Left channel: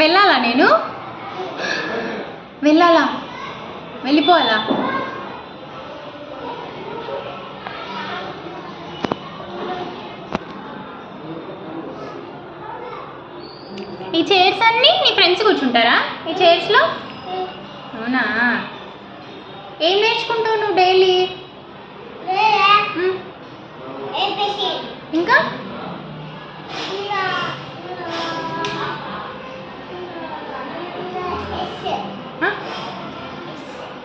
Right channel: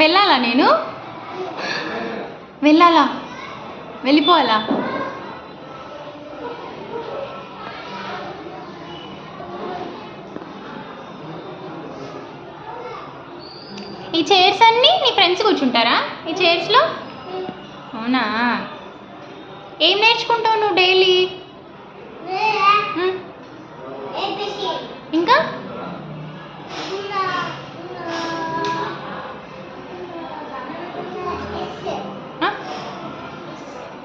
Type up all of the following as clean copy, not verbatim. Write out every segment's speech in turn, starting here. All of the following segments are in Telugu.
వెళ్ళాలా నేను? వెళ్ళాలా? వెళ్ళిపోవాలా? ఈ చైర్స్ అన్నీ నీ ఫ్రెండ్స్ కూర్చుంటారా ఈ చైర్స్లో? అవునా? ఏం నేర్చుకుంటావు నువ్వు డైలీ? ఇంకా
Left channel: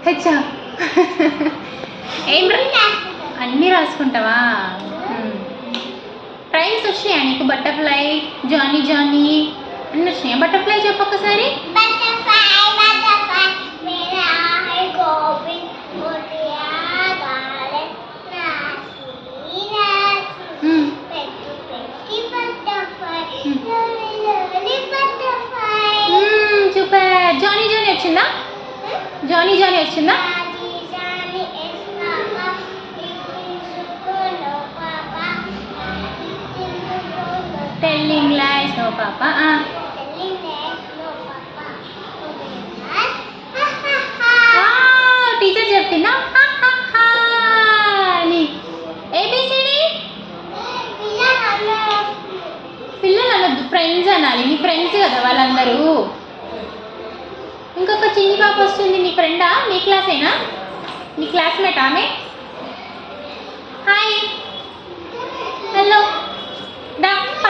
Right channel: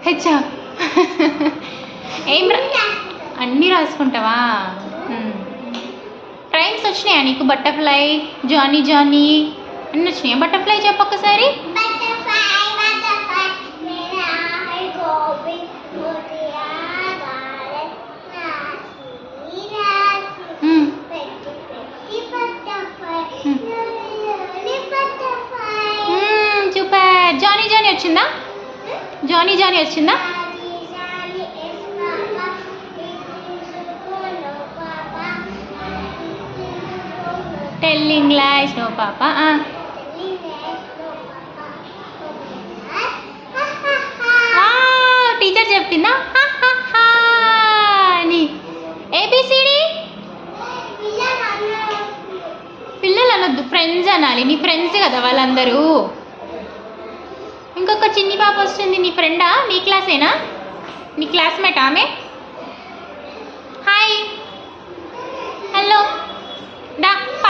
హెచ్చా ఏం అన్నీ రాసుకుంటావా? రైమ్స్ వచ్చినాయా నీకు? బటర్ఫ్లై, జానీ జానీ అన్నీ వచ్చినాయా? బటర్ఫ్లై చెప్పు ఒకసారి. సూపర్. జానీ జానీ వచ్చిందా? జానీ జానీ వచ్చిందా? Telling lies no papa. Teacher చెప్పిందా అని? ఏబిసిడి పిల్లలు అనొద్దు, ఫ్రెండ్స్ అనాలి. నీ ఫ్రెండ్స్ కదా వాళ్ళందరూ. ఇంకొక చిన్ని పాప వస్తుంది. నీ ఫ్రెండా? నీ క్లాసేనా? నీ క్లాస్మేట్ ఆమె? హాయ్, హలో, దా.